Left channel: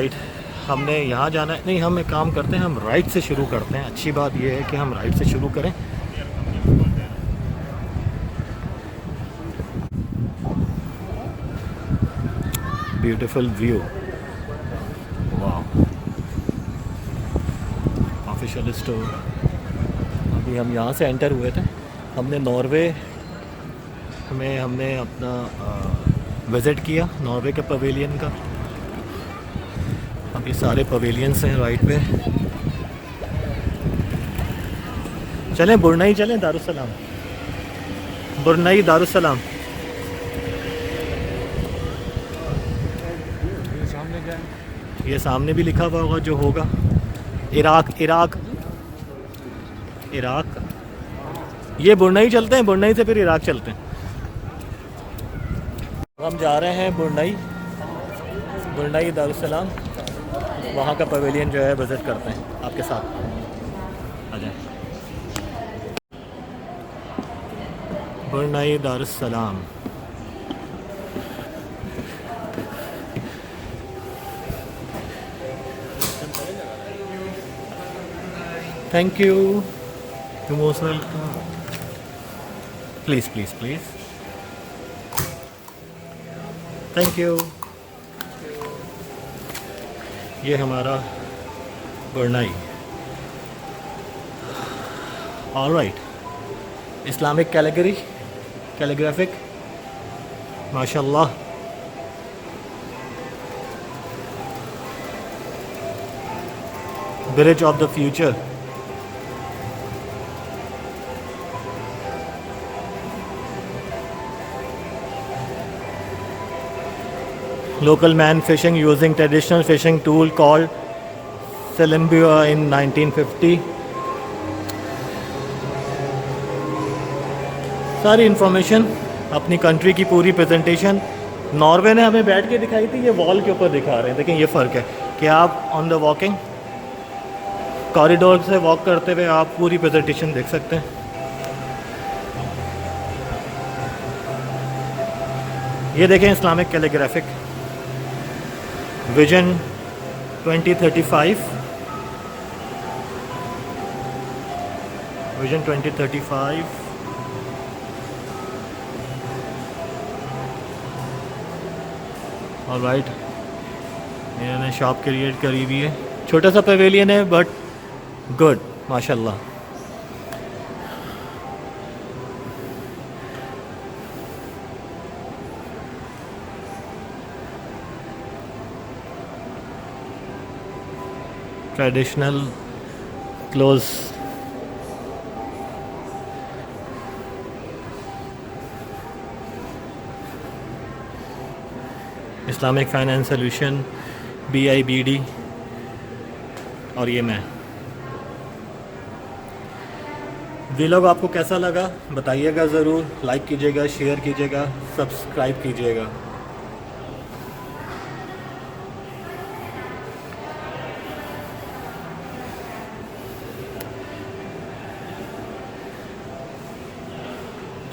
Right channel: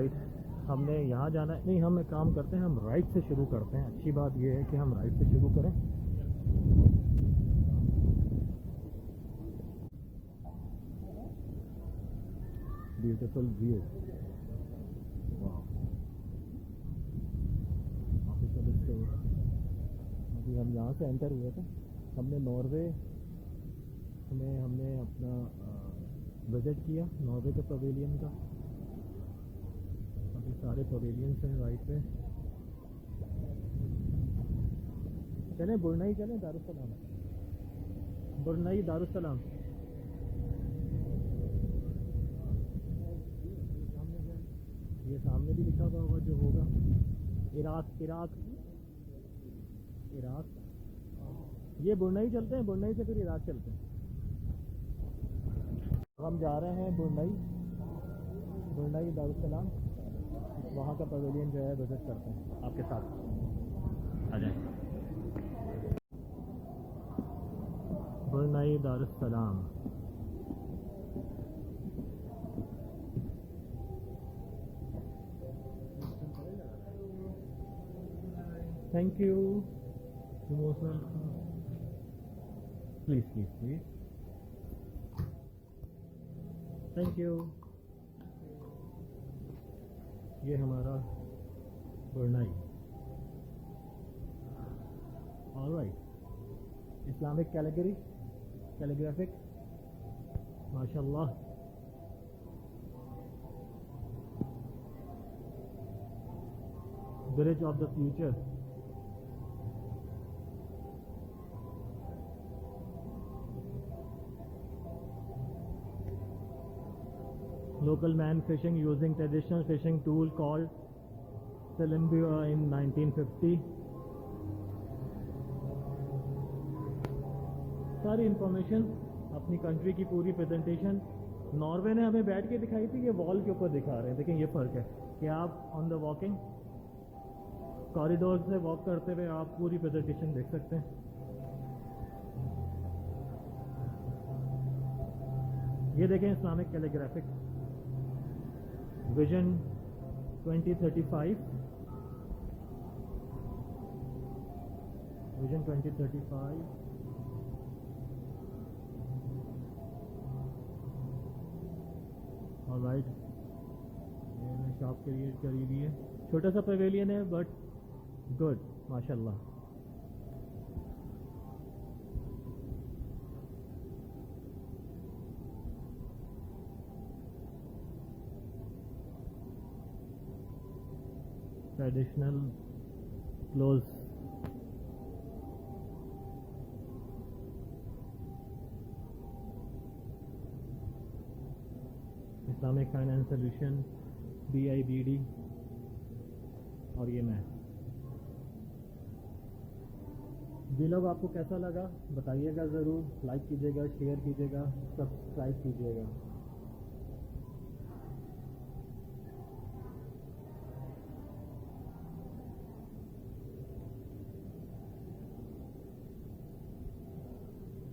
Right, हमने यहाँ जाना है। नहीं, हम एक काम करते हैं, हम राइट से शुरू करते हैं। अच्छी बात यह है कि हम राइट से शुरू करें। ब्यूटीफुल व्यू, वाह। Official store. अभी हम यहाँ से एंटर हुए थे। हमने नॉर्वे में हमने अपना विज़िट किया, नॉर्वे के पवेलियन का। अभी सारे पवेलियंस हैं राइट पे। चलें ब्रुनेई, चलें दारुसलाम, ब्रुनेई दारुसलाम। ये सामने भी लिखा हुआ होगा जो होगा, इराक, इराक, इराक। ये ब्रुनेई चलते हैं, ब्रुनेई से फिर इराक चलते हैं। हम जा रहे हैं ब्रुनेई, ब्रुनेई दारुसलाम। वहाँ का पवेलियन जो है विज़िट करते हैं आपके साथ। आ जाए। Brunei Darussalam. Thank you, you most welcome. Please please please, thank you. ये हमारा ब्रुनेई। ऑलराइट, इस्लामिक कैलीग्राफिक, माशाल्लाह। Village of the future. Local man fishing using traditional fishing tool called Selimbua in 1950. सारी इंफॉर्मेशन, अपनी कंट्री की पूरी presentation. Norway ने हमें बैठ के दिखाई थी, ये वॉल के ऊपर दिखा रहे हैं। देखें ये फ़र्क है कि आप ऑन द वॉकिंग कॉरिडोर से वॉक करते हुए आप पूरी प्रेजेंटेशन देख सकते हैं। ये देखें Islamic calligraphic, vision 2035, vision 2035। Alright, इन्होंने शॉप क्रिएट करी हुई है। छोटा सा पवेलियन है बट गुड, माशाल्लाह। Traditional close, Islamic finance solution, BIBD। और ये मैं। व्लॉग आपको कैसा लगा बताइएगा ज़रूर। लाइक कीजिएगा, शेयर कीजिएगा, सब्सक्राइब कीजिएगा।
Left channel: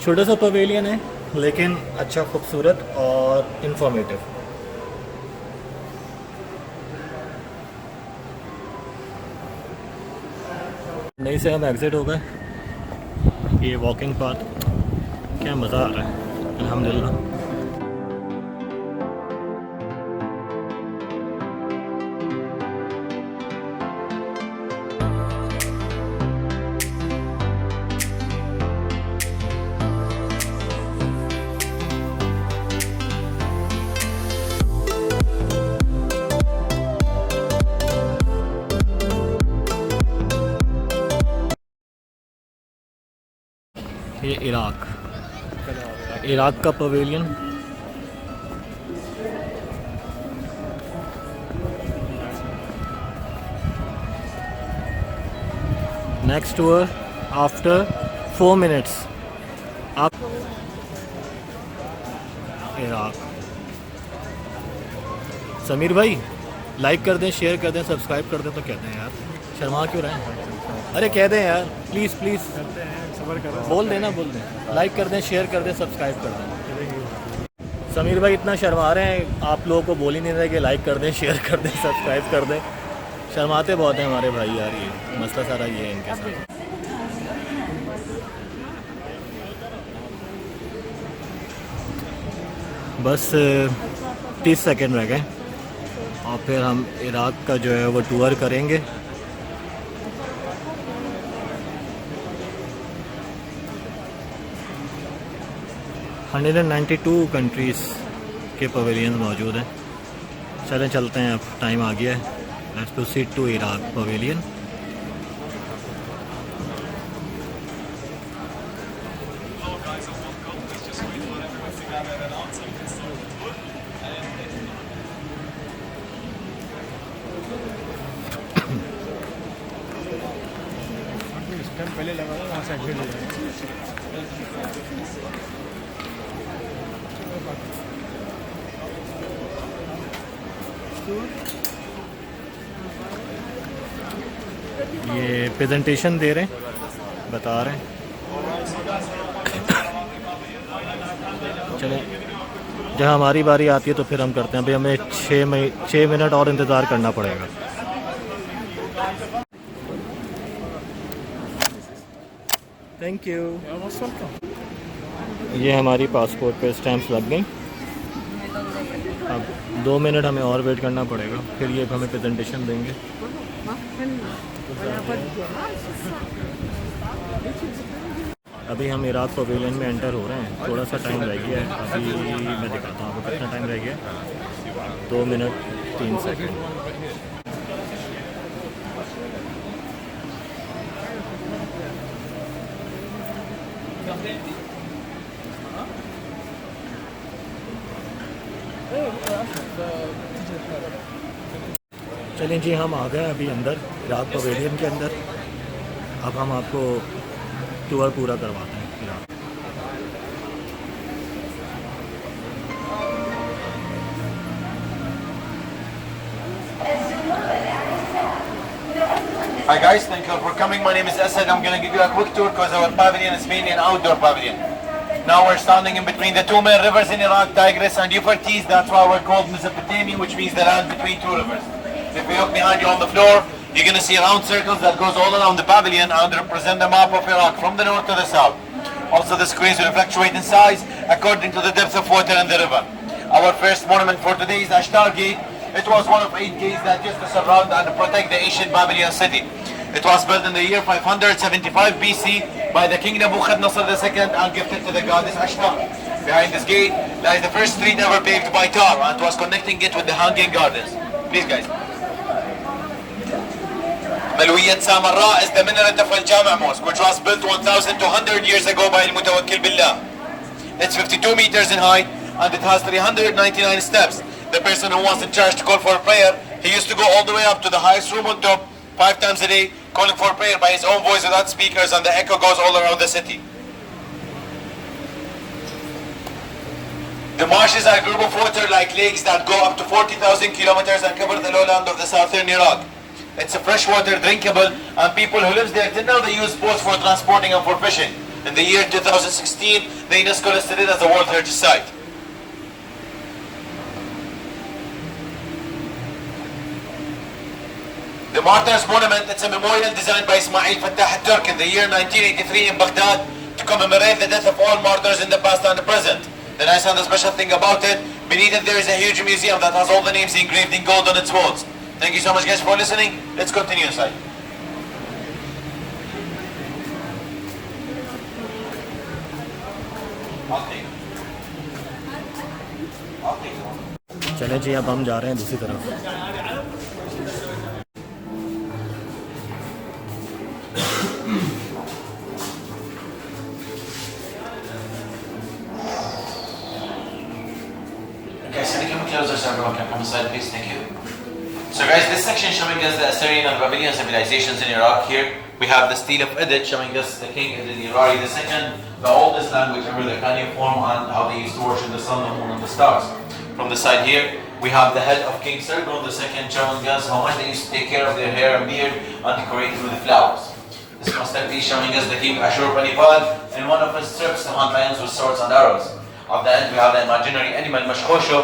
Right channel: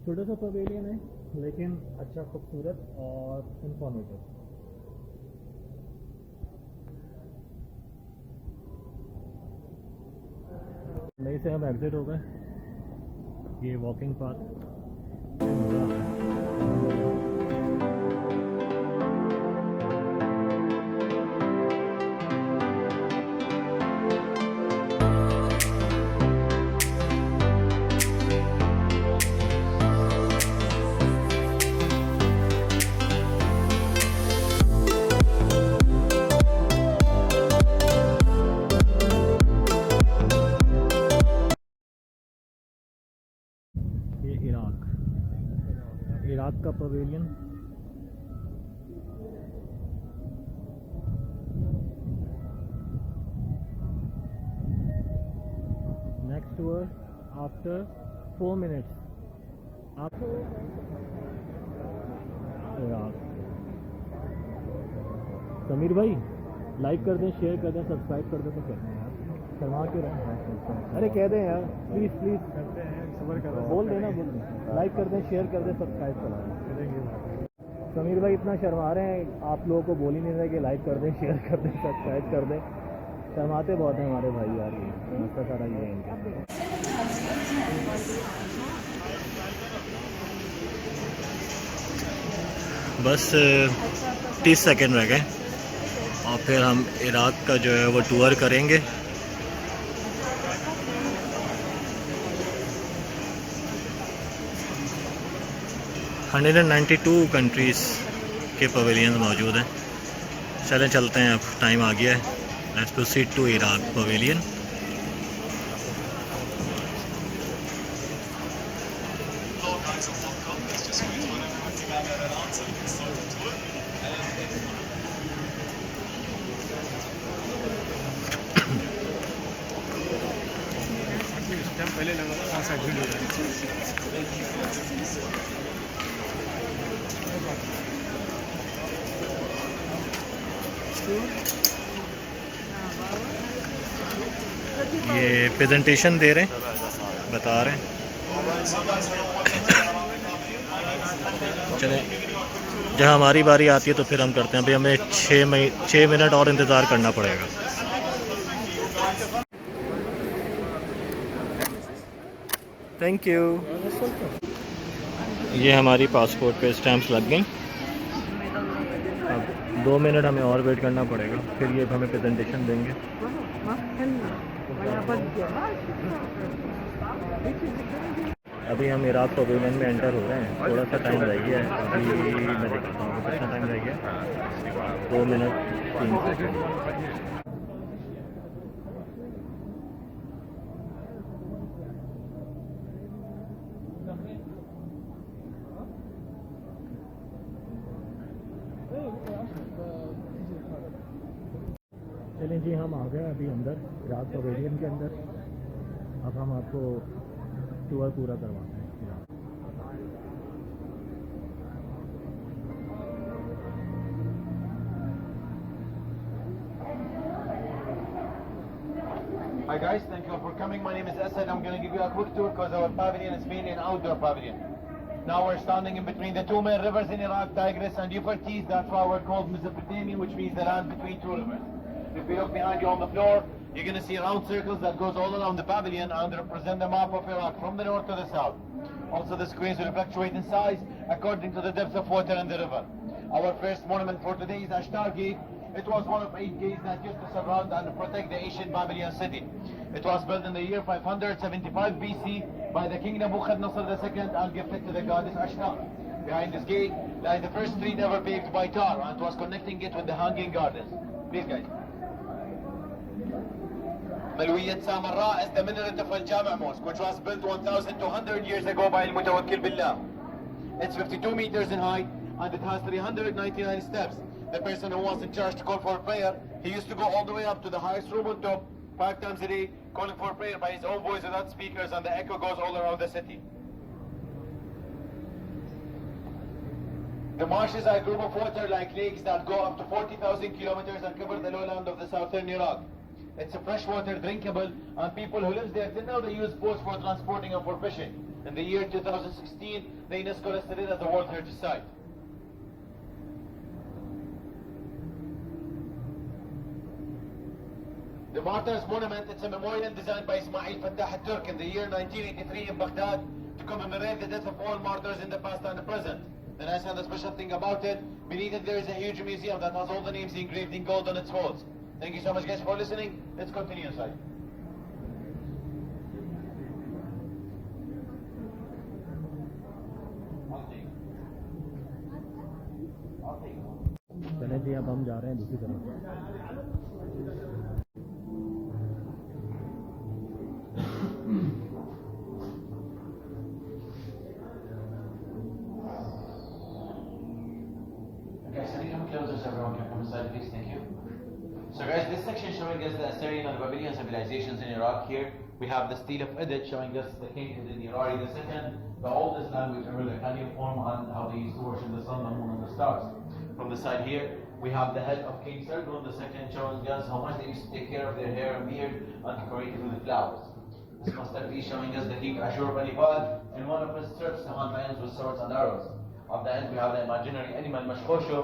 छोटा सा पवेलियन है लेकिन अच्छा, खूबसूरत और इंफॉर्मेटिव। नहीं से हम एग्ज़िट हो गए। ये वॉकिंग पाथ, क्या मज़ा आ रहा है, अल्हम्दुलिल्लाह। ये इराक का pavilion. Next tour after 4 minutes. आप इराक। समीर भाई लाइक कर दें, शेयर कर दें, सब्सक्राइब कर दें। तो कहते हैं यार, शर्मा क्यों रहे हैं? अरे कह दें यार, प्लीज़ प्लीज़, बोल देना, बोल दें। लाइक कर दें, शेयर कर दें, सब्सक्राइब कर दें। समीर भाई इतना शर्मा रहे हैं, आप लोगों को बोल ही नहीं रहे कि लाइक कर दें, शेयर कर दें, सब्सक्राइब कर दें। शर्माते बहुत हैं हमारे भाई यार, ये मसला सारा ये है इनके साथ। बस 30 सेकंड रह गए और फिर हम इराक़ का जो है वो टूर करेंगे। हंड्रेड 192 कंट्रीज़ के पवेलियन मौजूद हैं। चलें चलते हैं, अब टाइम आ गया है। Let's proceed to Iraq pavilion. ये प्रेजेंटेशन दे रहे हैं, बता रहे हैं। चलें, जब हमारी बारी आती है तो फिर हम करते हैं। अभी हमें 6 मिनट और इंतज़ार करना पड़ेगा। Thank you. ये हमारी पासपोर्ट पे स्टैम्प्स लग गई। अब 2 मिनट हमें और वेट करना पड़ेगा, फिर ये हमें प्रेजेंटेशन देंगे। अभी हम इराक़ पवेलियन में एंटर हो रहे हैं, थोड़ा सा टाइम रह गया है। अभी मैं दिखाता हूँ आपको कितना टाइम रह गया है। 2 मिनट 3 सेकंड। चलें जी, हम आ गए अभी अंदर, इराक़ पवेलियन के अंदर। अब हम आपको टूर पूरा करवाते हैं Iraq. Hi guys, thank you for coming. My name is Asad. I'm going to give you a quick tour because our pavilion is mainly an outdoor pavilion. Now we're standing in between the two main rivers in Iraq, Tigris and Euphrates. That's why we're called Mesopotamia, which means the land between two rivers. So if you look behind you on the floor, you're going to see round circles that goes all around the pavilion and represent the map of Iraq from the north to the south. Also the screens will fluctuate in size according to the depth of water in the river. Our first monument for today is Ashtar Gate. It was one of 8 gates that used to surround and protect the ancient Babylon city. It was built in the year 575 BC by the king Nebuchadnezzar II and gifted to the goddess Ashtar. Behind this gate lies the first street ever paved by tar and was connecting it with the hanging gardens. Please guys. Malwiyat Samarra is the minaret of Al-Jama' Mosque, which was built 1,200 years ago by Al-Mutawakkil Billah. It's 52 meters in height and it has 399 steps. The person who was in charge to call for a prayer, he used to go all the way up to the highest room on top 5 times a day, calling for prayer by his own voice without speakers, and the echo goes all around the city. The marshes are a group of water-like lakes that go up to 40,000 kilometers and cover the lowland of the southern Iraq. It's a freshwater, drinkable, and people who live there till now they use boats for transporting and for fishing. In the year 2016, the UNESCO listed it as a World Heritage Site. The Martyrs Monument, it's a memorial designed by Ismail Fattah al-Turk in the year 1983 in Baghdad to commemorate the death of all martyrs in the past and the present. The nice and the special thing about it, beneath it there is a huge museum that has all the names engraved in gold on its walls. Thank you so much guys for listening. Let's continue inside. चलें जी, अब हम जा रहे हैं दूसरी तरफ। Guys, can you come closer so everyone can come inside, please? Thank you. So guys, this section showing us the Assyrian and Babylonian civilizations in Iraq. Here we have the stele of Edit showing us the king Edit-Irari II, the oldest language ever, the cuneiform, and how they used to worship the sun, the moon, and the stars. From the side here, we have the head of King Sargon II showing us how much they used to take care of their hair and beard and decorate it with the flowers. This must be showing us the king Ashur-Banipal in one of his trips to hunt lions with swords and arrows. Of the end, we have the imaginary animal mashkhosho.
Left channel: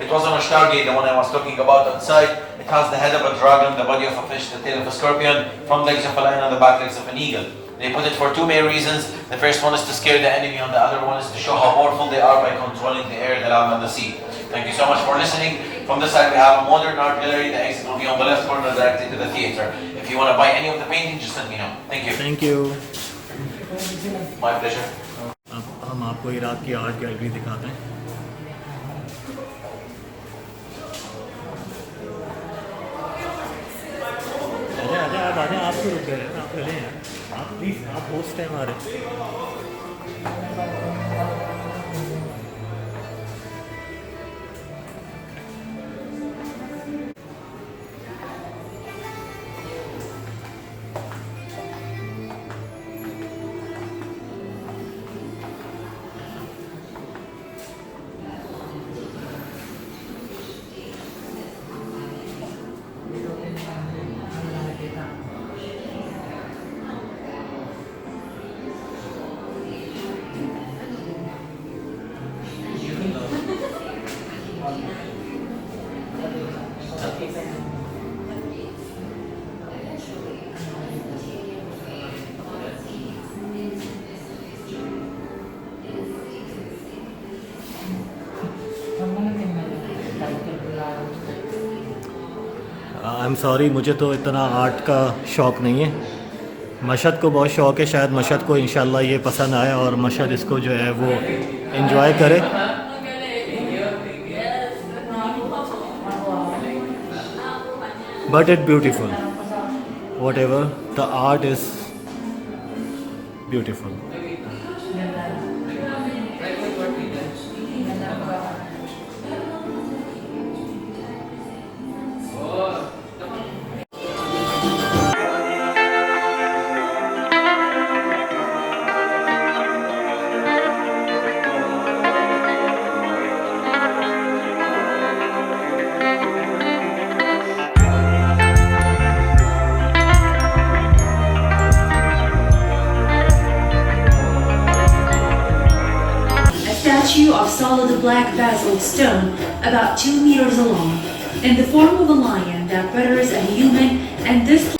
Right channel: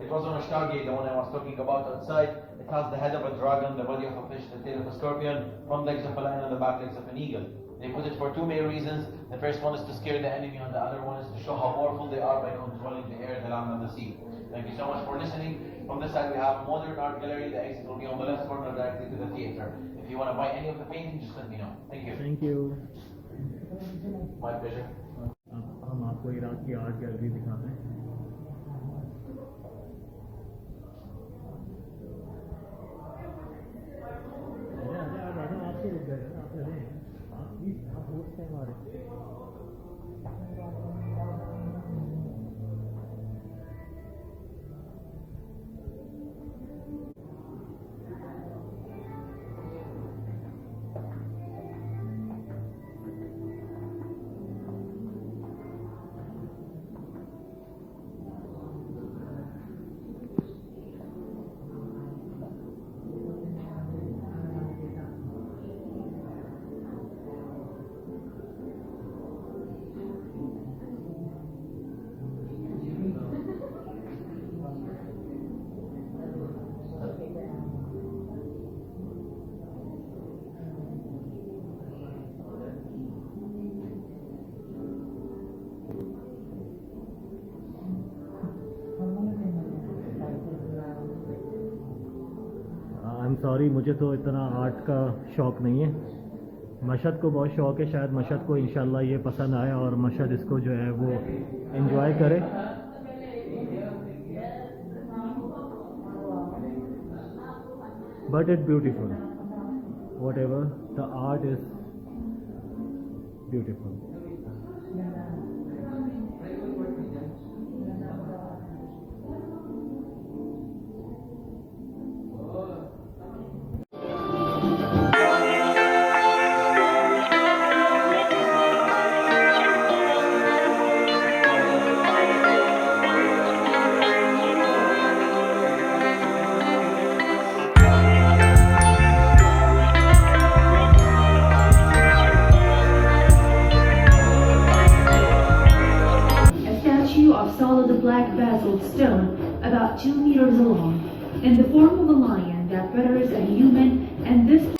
It was on a stargate, the one I was talking about on site. It has the head of a dragon, the body of a fish, the tail of a scorpion, front legs of a lion, and the back legs of an eagle. They put it for two main reasons. The first one is to scare the enemy, and the other one is to show how powerful they are by controlling the air, the land, and the sea. Thank you so much for listening. From this side, we have a modern art gallery. The exit will be on the left corner, directly to the theater. If you want to buy any of the paintings, just let me know. Thank you. Thank you. My pleasure. अब हम आपको Iraq की art gallery दिखाते हैं। आजा आप आजा, आप क्यों रुक गए? आप चले हैं, आप प्लीज़, आप होस्ट हैं हमारे। आई एम सॉरी, मुझे तो इतना आर्ट का शौक़ नहीं है। मशहद को बहुत शौक़ है, शायद मशहद को इंशाल्लाह ये पसंद आए और मशहद इसको जो है वो एंजॉय करे। But it beautiful, what ever the art is beautiful. Of solid black basalt stone about 2 meters long, in the form of a lion that betters a human, and this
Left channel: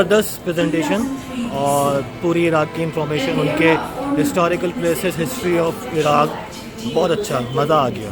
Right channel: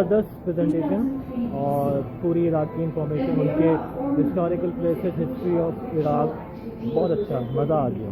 ज़बरदस्त presentation और पूरी Iraq की information, उनके historical places, history of Iraq, बहुत अच्छा, मज़ा आ गया।